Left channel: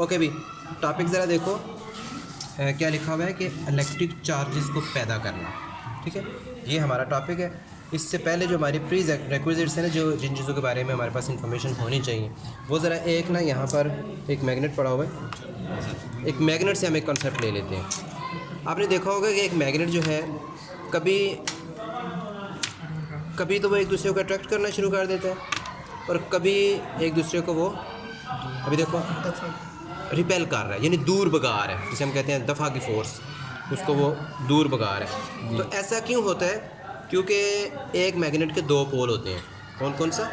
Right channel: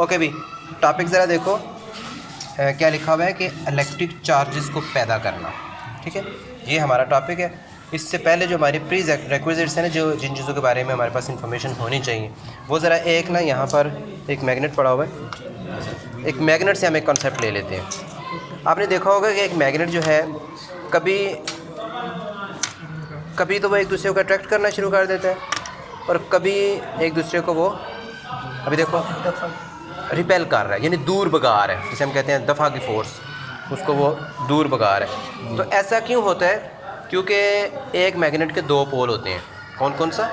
Okay भी topic ज़रा देखो क्या लिखा हुआ है कि इलेक्ट्रिक चार्जेस को पैदा करना। ठीक है, ये हमारा टॉपिक है। इससे पहले जो हमारी प्री रिक्विजिट्स हैं ना, जो जिन चीज़ों के बारे में हमारे पास इंफॉर्मेशन होनी चाहिए, वो ज़रा एक ना यहाँ पर एक मैग्नेट पड़ा हुआ है। एक मैग्नेट से हम एक कॉन्सेप्ट ले लेते हैं। आपने देखा होगा कि एक मैग्नेट जो है कभी तो वो एक दूसरे को अट्रैक्ट करना शुरू कर देता है और कभी एक दूसरे को वो अभी देखो रिपेल कर रहा है, यानी दूर भगा रहा है, जिसे हम कहते हैं दफ़ा की फोर्स, उसको वो दूर भगा रहा है। तो ऐसा क्यों होता है? क्योंकि एक मैग्नेट के दो पोल होते हैं। कौन कौन सा?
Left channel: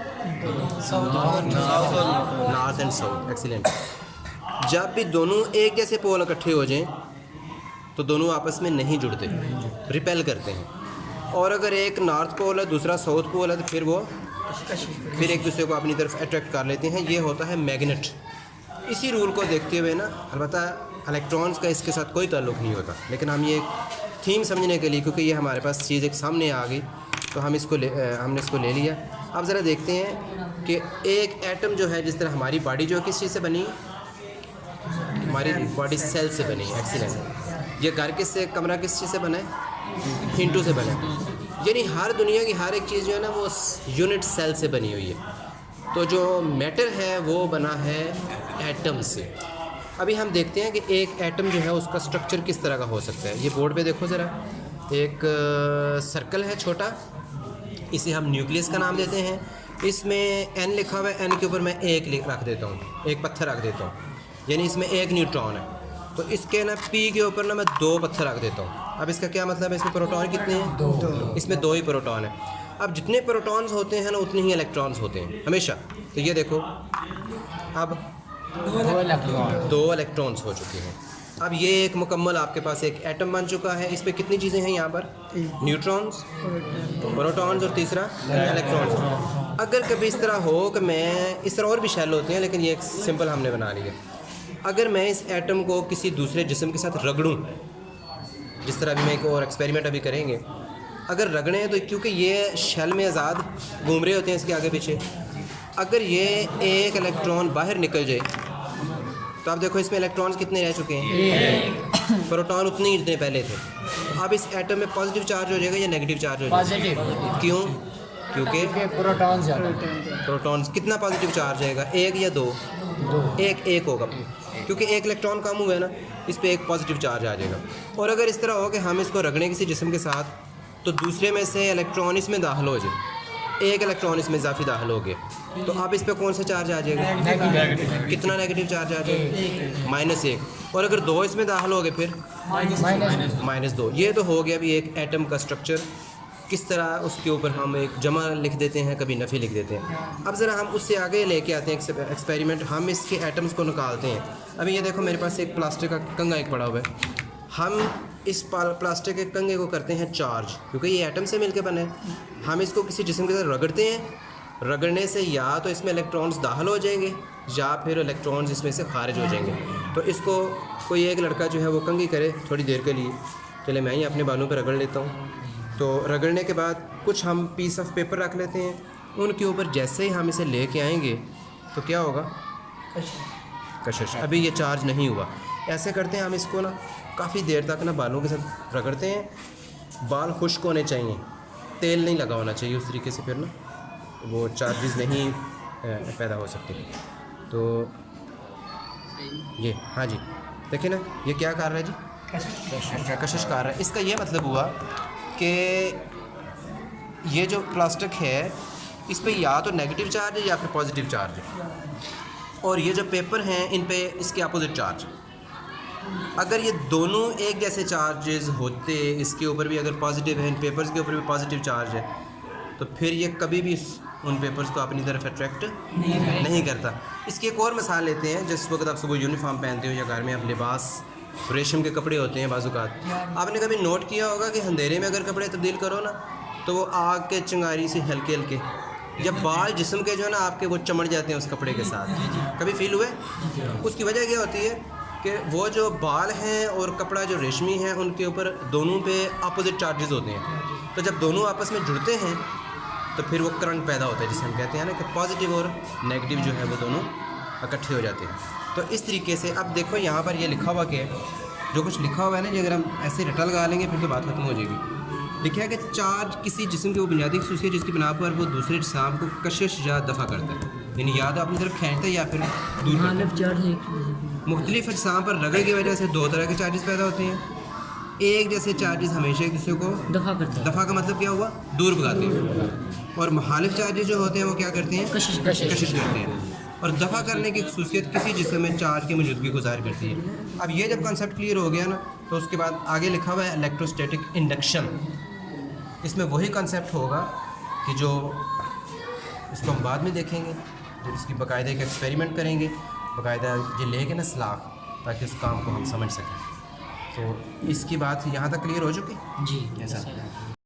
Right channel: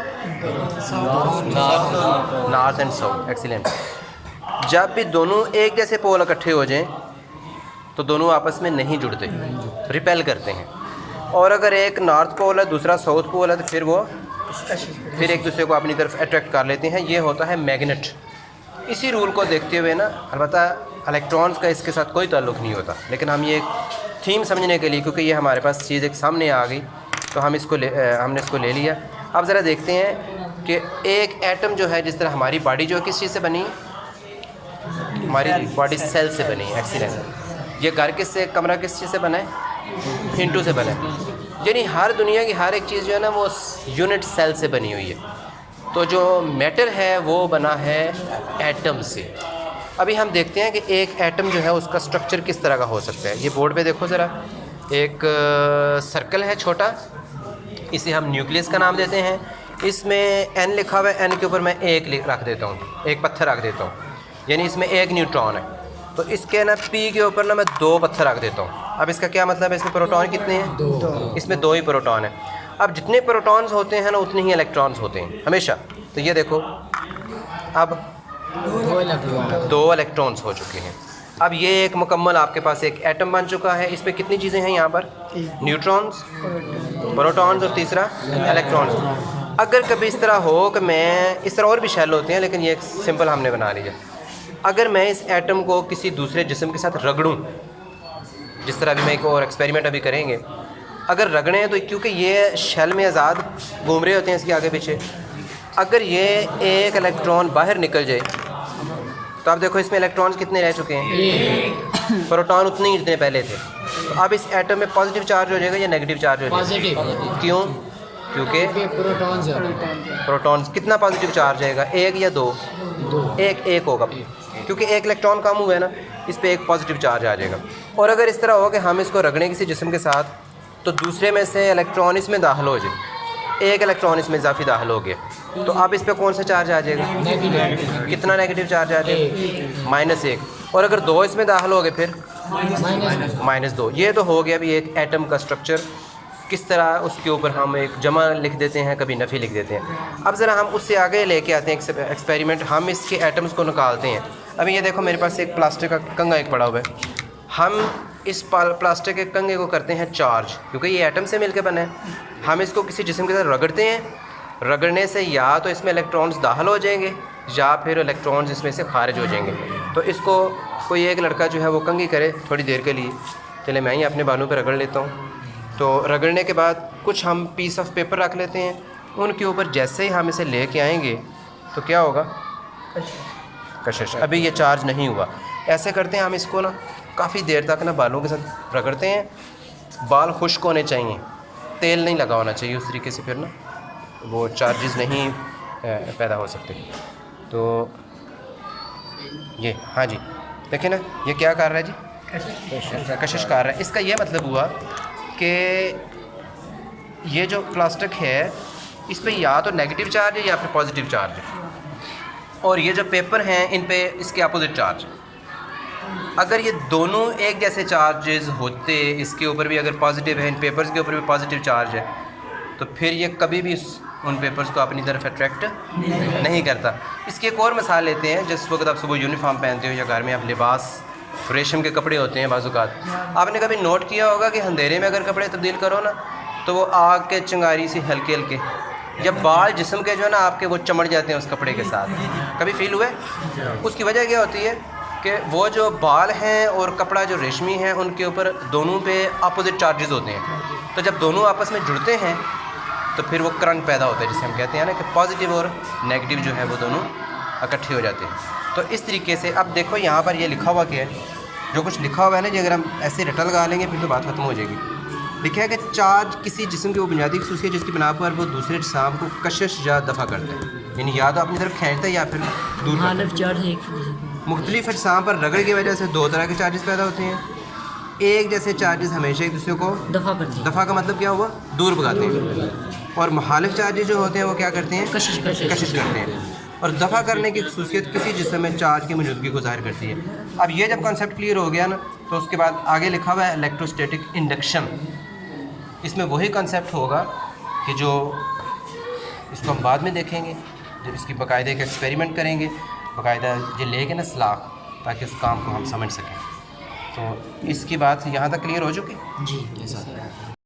North and south. एक्सीलेंट। जब भी दोनों एक जैसे पोल इकट्ठे हो जाएं तो दोनों आपस में नहीं जुड़ते, रिपेल करते हैं। और अगर एक नॉर्थ पोल है दूसरा साउथ पोल है तो फिर वो एक दूसरे को अपनी तरफ अट्रैक्ट कर लेते हैं। ये होता है मैग्नेट। इसी रूल को देखते हुए ना, अलबत्ता इलेक्ट्रॉन्स का इसके साथ कोई ताल्लुक़ नहीं होता, लेकिन हम ये एक थीम समझने के लिए, क्योंकि ये हमारे पास चीज़ एक सामने आ गई तो हमने इसको ले लिया। अब ज़रा देखते हैं कि एक एटम जो है, जिस तरह हमारी बॉडी जो है किस चीज़ से बनी है? हमारी बॉडी सेल से बनी है। एक्सीलेंट। ये घर किससे, कमरा किस चीज़ से बना है? हिंटू से बना है। यानी हर दुनिया की हर एक चीज़ जो है ना वो यूनिट सेल से बनी हुई है। तो जो मैटर है वो बना है एटम से। अभी हम देखते हैं कि एक एटम जो है उसका स्ट्रक्चर किस तरह का हो सकता है। ये बोर्ड पे देखो ज़रा, एक सर्कल है छोटा, इसे हम न्यूक्लियस का नाम देते हैं। इसमें n लिखा हुआ है, n के ऊपर मैं एक रख देता हूँ, एक पत्थर रख देता हूँ, यानी इसमें एक न्यूट्रॉन है। तो इसके ना p के ऊपर ना मैं दो पत्थर रख देता हूँ। अब इसका क्या मतलब है? इसमें प्रोटॉन कितने हैं? दो। इसमें दो ही प्रोटॉन है। अब जितने प्रोटॉन्स होते हैं ना उतने ही इलेक्ट्रॉन्स होते हैं हमेशा। तो ये देखो अब दो इलेक्ट्रॉन्स हो चुके हैं। अब ये एक मुकम्मल आपके पास एक एटम बन चुका है। इस पर कितनी चीज़ें हैं यहाँ पर? न्यूट्रॉन्स, प्रोटॉन्स और तीसरा इलेक्ट्रॉन्स। अगर कभी इस तरह हो कि मैं, इस तरह और भी शेल होते हैं लेकिन ये एक सिंपल हमने बना लिया, अगर मैं इस एटम को किसी दूसरे जिस्म के साथ रगड़ूं, जिस तरह अभी मैं एक और एक्सपेरिमेंट अभी करेंगे, अगर रगड़ें तो क्योंकि ये शेल में आज़ाद घूम रहे होते हैं इसके आगे पीछे, अगर ये एक इलेक्ट्रॉन बाहर निकल जाए तो आप देखो इसमें इलेक्ट्रॉन्स कितने रह चुके हैं? प्रोटॉन उतने ही जितने पहले थे। तो अब इस एटम में पॉजिटिव चार्ज हो जाएगा या नेगेटिव चार्ज हो जाएगा? क्यों? क्योंकि प्रोटॉन्स कितना पॉजिटिव चार्ज आएगा? एक या दो? एक होगा, क्योंकि एक इलेक्ट्रॉन कम हुआ है ना, इस पर एक पॉजिटिव चार्ज आ जाएगा। और अगर इस तरह हो कि हम इसको रगड़ें किसी जिस्म के साथ, तो दूसरे में से इलेक्ट्रॉन इसमें दाखिल हो जाए, एक इलेक्ट्रॉन इसमें इजाफी दाखिल हो गया, तो अब इस पर कौन सा चार्ज आ जाएगा? कितना नेगेटिव चार्ज आ जाएगा? -1। और अगर दो इसमें दाखिल हो गए फिर -2। ये तो हो गया अभी एक एटम का स्ट्रक्चर। किस तरह उसके ऊपर हम एक जमा लिख देते हैं, कभी नफ़ी लिख देते हैं। अब ज़रा हम उससे आगे लेके आते हैं एक्सपेरिमेंट। हम इसके एटम्स को निकालते हैं। अभी ये देखो मेरे पास एक प्लास्टिक का कंगा एक पड़ा हुआ है। हम इस प्लास्टिक के कंगे को करते हैं चार्ज, क्योंकि ये एटम से मिलकर बने हैं। हम इसको किसी जिस्म के साथ रगड़ते हैं। रगड़ने से या तो इसमें इलेक्ट्रॉन्स दाखिल हो जाएंगे या फिर इलेक्ट्रॉन्स इसमें से खारिज हो जाएंगे। तो इसको कोई एक लड़का जो है वो कंघी करे थोड़ी देर के लिए। चले मैं ही अपने बालों पर रगड़ लेता हूँ। तो रगड़ने के बाद कुछ हम पीस ऑफ पेपर रख लेते हैं, उनके ऊपर जैसे ही हम इसे लेके आएंगे तो क्या होगा? कशिश। अभी ये चार्ज नहीं हुआ। ऐसे करते हैं हम इसको ना काफ़ी देर तक ना बालों के साथ रगड़ते हैं। बाल खुश्क होने चाहिए, तेल नहीं लगा होना चाहिए, उस तरीके से फिर ना वो चार्जेस नहीं पैदा हो सकते। तो ये हाँ जी देखिए ना, ये क्या कर रहा है जी? कशिश कर रहा है। इसका ये मतलब हुआ कि ये जो प्लास्टिक है इस पे या तो नेगेटिव चार्ज है या फिर पॉजिटिव चार्ज है, और ये जो पेपर हैं इन पे इसके अपोजिट चार्ज। अगर ये दोनों एक जैसे चार्जेस होते, इसके ऊपर भी अगर पॉजिटिव है, इन पेपर्स के ऊपर भी पॉजिटिव चार्ज है, तो फिर ये कभी भी उन पेपर्स को अपनी तरफ अट्रैक्ट नहीं करता। इसकी एक और मिसाल लेते हैं। जिस वक्त आप सुबह यूनिफॉर्म पहनते हो या घर में आप लिबास रेशम के कपड़े होते हैं बाज़ुकात, आपने कभी नोट किया होगा कि अंधेरे में अगर कपड़े तब्दील करो ना तो वो आग के चिंगारी से हल्के हल्के, जब बाल जिस्म के जो है ना आपके वो चमड़ जाते हैं उस कपड़े के साथ, कभी फील हुआ है? उसकी वजह क्या होती है कि वो जो बाल हैं और कपड़ा जो रेशमी है उनके ऊपर दोनों पे अपोजिट चार्जेस होते हैं। तो जब दोनों आपस में जुड़ते हैं तो फिर वो करंट पैदा होता है, जिसे हम कहते हैं ना कि पॉजिटिव और नेगेटिव जो है वो दोनों इकट्ठे हो जाते हैं। तो इस तरीके से अब देखो यहाँ पर ये लिखा हुआ क्या है, जो कुछ लिखा हुआ है ना जी, अगर हम ऐसे रटा लगा लेंगे फिर तो बात खत्म हो जाएगी। लिखा है कि चार्ज किसी जिस्म की वो बुनियादी खसूसियत जिसकी बिना पर वो दूसरे जिस्म को कशिश या दफ़ा करता है, यानी या तो अपनी तरफ खींचता है या फिर दूर करता है। मुख्तलिफ अजसाम पर रगड़ की वजह से दो तरह के चार्जेस पैदा होते हैं। एक जैसे चार्जेस हमेशा एक दूसरे को दफ़ा का मतलब क्या हुआ, दूर भगाते हैं, और मुखालिफ चार्जेस जो होते हैं वो क्या करते हैं, कशिश करते हैं। और दफ़ा करने की खसूसियत किसी जिस्म में चार्ज की मौजूदगी को ज़ाहिर करती है। अब ये जब कॉन्सेप्ट क्लियर हो गया ना, तो उसके बाद आगे लिखा हुआ है इलेक्ट्रोस्टैटिक इंडक्शन। इसमें वही कॉन्सेप्ट होगा कि जो इसको हम बाद में देखेंगे जब इसकी बाकायदा एक एक्सपेरिमेंट करेंगे, बाकायदा ये लेके ना सलाख, ताकि उस काम को हम समझ सकें। तो इसकी बात यहाँ तक क्लियर हो चुकी जी ऐसा।